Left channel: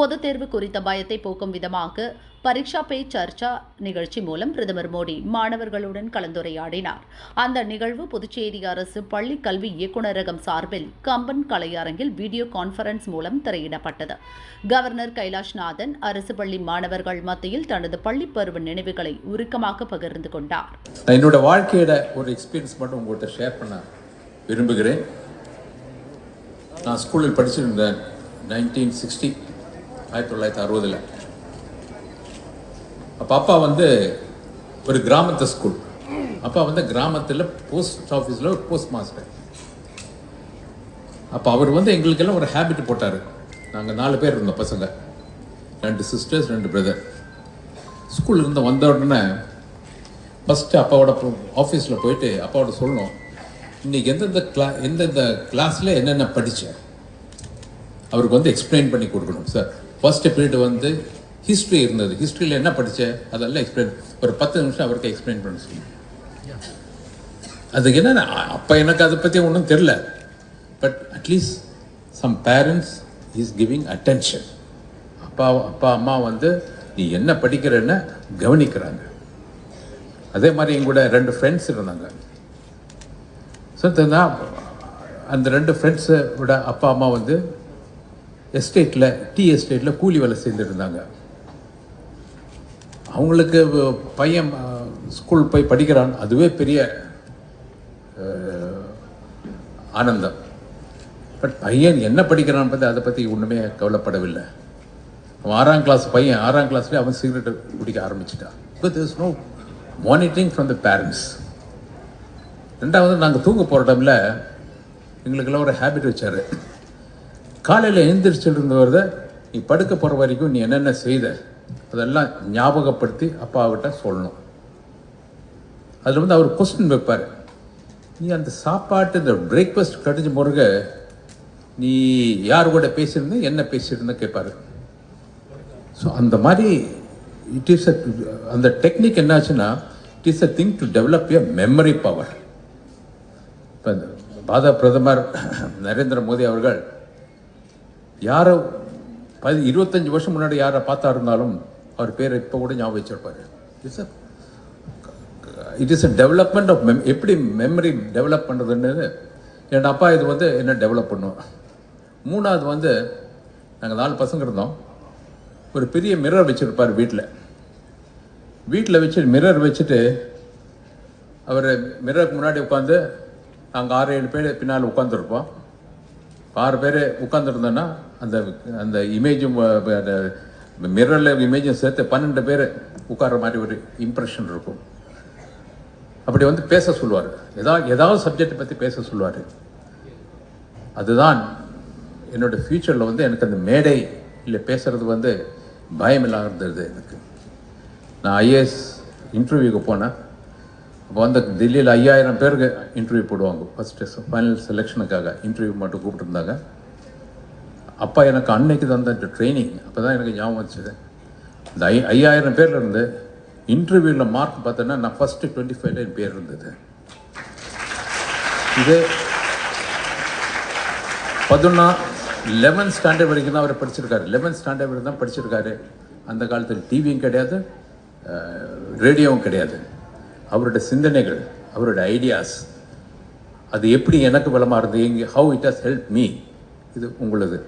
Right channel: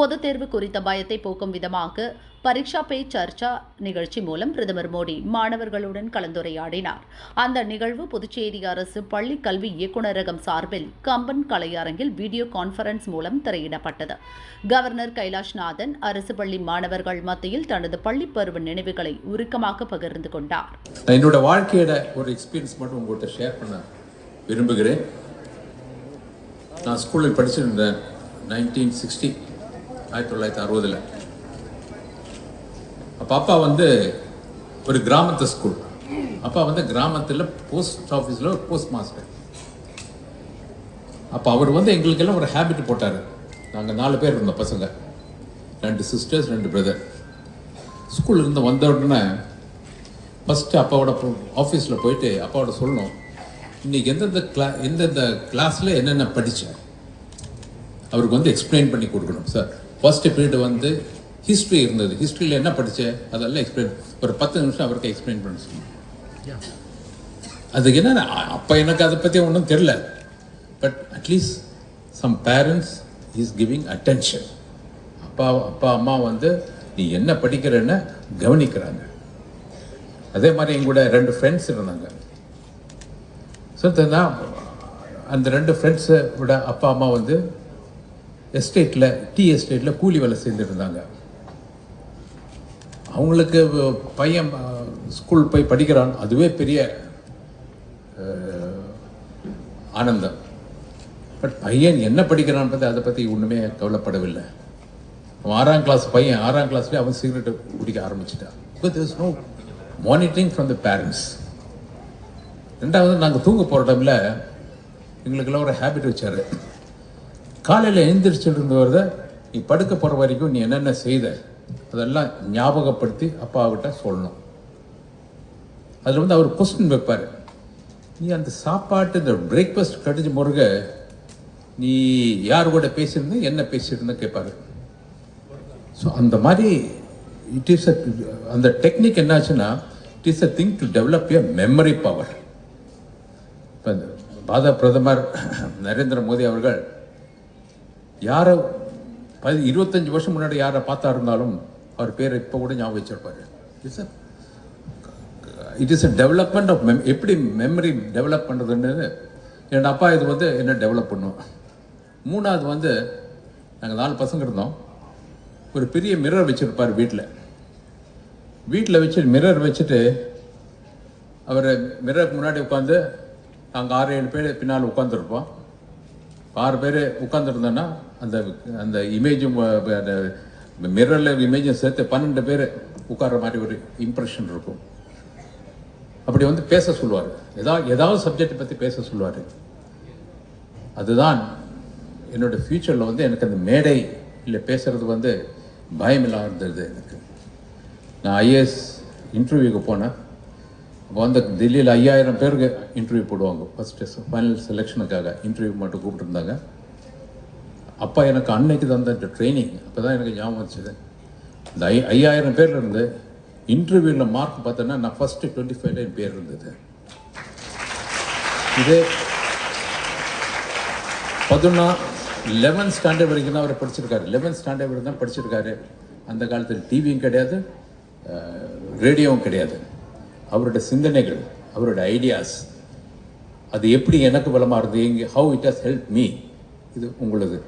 பொதுத் தேர்வு குறித்த பயத்தை போக்கும் விதமாக பரீட்சா பே சர்ச்சா நிகழ்ச்சி மூலம் பிரதமர் மோடி மாணவர்களுடன் கலந்துரையாடினார். அந்த நிகழ்வு புதுச்சேரி அரசு பள்ளி கல்வி இயக்குநரகம் சார்பில் கம்பன் கலையரங்கில் வீடியோ கான்பரன்ஸ் மூலம் திரையிடப்பட்டது. கவர்னர் கைலாஷ்நாதன் அரசு பள்ளி மாணவர்கள் மத்தியில் தனது பள்ளி பருவ நினைவுகளை உருக்கமாக பகிர்ந்து கொண்டார். என்னோட வாழ்க்கையோட ஒரு எக்ஸ்பீரியன்ஸ் மட்டும் உங்கள்கிட்ட ஷேர் பண்ண விரும்புகிறேன். நான் ஸ்கூலில் படிச்சிருந்தேன் நைன்டீன் சிக்ஸ்டி ஆயிரத்தி தொள்ளாயிரத்தி அறுபதில். அப்போ அப்பா வந்து ஒரு கிராமத்து ஸ்கூல் அப்பா வந்து கிராமத்தில் போஸ்ட் ஆஃபீஸில் ஒரு போஸ்ட் மாஸ்டர் அப்போ அவர் வந்து எங்களுக்கெல்லாம் ஒரு ஹேபிட் போட்டார். நாங்கள் நாலு பேர் இருந்தோம் பசங்க. ரெண்டு சிஸ்டர்ஸ் ரெண்டு பிரதர் ஸ்கூல்ல வந்த உடனே ஃபஸ்ட்டு அப்பாவோட ஆஃபீஸில் போயிட்டு அப்பாவோட சொல்லணும். இன்னைக்கு எந்தெந்த கிளா எந்தெந்த கிளாஸில் என்னென்ன படித்தேன் அவருக்கு வந்து எக்ஸ்பிளைன் பண்ணி கொடுக்கணும் சார் ஃபர்ஸ்ட் பீரியட் வந்து ஹிஸ்ட்ரி இருந்தது. ஹிஸ்ட்ரியில் என்ன படித்தேன் அதெல்லாம் எக்ஸ்பிளைன் ஒரு பத்து நிமிஷம் அவருக்கு எக்ஸ்பிளைன் பண்ண சொல்லணும் அதுக்கு என்ன அப்போ எனக்கு அதை பற்றி ஒன்றும் தெரில but at least some parents is giving attention அப்பா அப்பா அம்மா வந்து நீ என்ன படிக்கிறன்னு கவனிக்கிறாங்க. அதே மாதிரி என் கூட ரெண்டு ஃப்ரெண்ட்ஸ் இருந்தாங்க. ஸோ அந்த ரெண்டு ஃப்ரெண்ட்ஸை விட அப்பா அம்மா வந்து எஸ்டேட்டில் டீ எஸ்டேட்டில் கூலி வேலை செஞ்சுருந்தாங்க அவங்களுக்கு பையன் ஸ்கூல் போய் படிக்கிறான். அதுவே பெரிய ஆனந்தம். பட் பையன் என்ன படிக்கிறான் பற்றி அதை பற்றி ஒன்றுமே கவலைப்படவில்லை. அவன் ஆறாம் கிளாஸ் பையன் ஆறாம் கிளாஸ்லேயே அவன் சிகரெட் குடிக்க ஆரம்பிச்சிட்டான். Because there's no monitoring from the parents ரெண்டாவது நாங்கள் தூங்க போகிற டைமில் எங்களுக்கெல்லாம் ஒரு ஹேபிட் வச்சார். காலையில் எழுந்திரிச்சிருந்தவர் இருந்தவரத நீ படுக்க போகிற வரைக்கும் நீ என்னென்ன செய்த? அதெல்லாம் ஞாபகப்படுத்தி அப்பாவிட்ட சொல்லணும். அதில் வந்து அவர் கொஸ்டின் வைப்பார். நீ அந்த சாப்பாட்டு இந்த பிரேக்ஃபாஸ்ட் கடிஞ்ச முருக நீ யார் கூட பேசியிருந்த என்ன பேசியிருந்த? கேட்பாரு ஸோ அந்த மாதிரி இட் இஸ் அ அந்த டெக்னிக் என்னாச்சுன்னா it is a thing to develop a memory power இப்போ பாத பாரத பிரதமர் நரேந்திர மோடி அவர்கள் யாரை பதி இருபத்தஞ்சி வருஷம் முன்னாடி யாரை பார்த்தா இருந்தாலும் அவர் பேரை இப்போ கூட ஞாபகம் வச்சிருப்பார். It's it is a development of mem எப்படி மெமரி டெவலப் பண்ணுறதுன்னு என் அப்பா இது வந்து என்ன டெவலப் பண்ணும். மூணாவது வந்து நாங்கள் நாலு பசங்க இருந்தோம். ஒரு பெரிய மிரர் வச்சுருப்பார் வீட்டில் வீட்டில் வச்சு மிரர் வச்சுட்டு அவர் மிரருக்கு முன்னாடி உட்காந்து நாங்கள் ஆறு ஏழு பேர் பின்னால் உட்காந்துருப்போம் ஆறு பேர் உட்காந்துருந்தோன்னா அந்த அந்த இமேஜும் மிரரில் இமேஜும் சேர்த்து பன்னெண்டு பேர் உட்கார்ற மாதிரி ஒரு இம்ப்ரெஷன் இருக்கும். அப்படி வந்து பேச சொல்லுவார். ஏதாவது ஏதாவது சப்ஜெக்டை பற்றி பேச சொல்லுவார். அதுதான் என்னோடய ஃப்யூச்சரில் வந்து எனக்கு அந்த மேடை இல்லை பேசுறது வந்து பயம் இல்லாமல் இருந்தது எனக்கு. நான் ஐஏஎஸ் இன்டர்வியூக்கு போனேன். அப்போ வந்து டெல்லியில் ஐயாயிரம் பேருக்கு இன்டர்வியூ போடுவாங்க. ஃபஸ்ட்டு ஃபைனல் செலெக்ஷனுக்காக இன்டர்வியூ மட்டும் கூப்பிட்டுருந்தாங்க. அப்பா எனக்கு அன்னைக்கு தந்த ட்ரைனிங் அப்போ தான் எனக்கு ஞாபகம் வச்சுது இந்த ஐ ஐயாயிரம் பேர் இருந்து இன்டர்வியூவில் மார்க் பார்த்தோன்னா நான் ஃபஸ்ட்டு டுவெண்ட்டி ஃபைவ்ல என் பேர் இருந்தது. இது பதினொன்னா லெவன்த் ஸ்டாண்டர்ட் வரைக்கும் தான் அவர் படிச்சிருக்காரு. லெவன்த் ஸ்டாண்டர்ட் வரைக்கும் தான் படிச்சிருக்காரு. அந்த காலத்தில் டிவியும் கிடையாது ரேடியோவும் கிடையாது. அவரோட சிந்தனைகள் அவரோட ஐடியாஸ் அது எப்படி எனக்கு பலமாக இருந்தது எங்கே how it has help me இது உங்களது.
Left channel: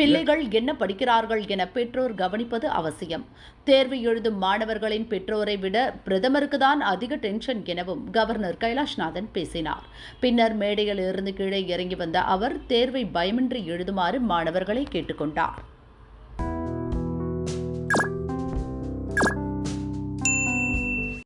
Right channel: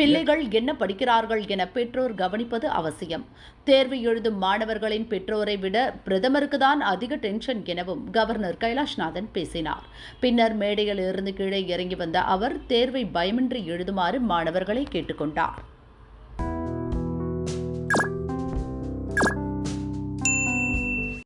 பிள்ளைகள் என்ன படிக்கிறார்கள் என பெற்றோர் கவனிப்பது அவசியம். தேர்வு எழுதும் மாணவர்களின் பெற்றோரை விட பிரதமருக்கு தான் அதிக டென்ஷன் எனவும் கவர்னர் கைலாஷ்நாதன் பேசினார். பின்னர் மேடையில் இருந்து கீழே இறங்கி வந்த அவர் தேர்வை பயமின்றி எழுதுமாறு மாணவர்களை கேட்டுக்கொண்டார்.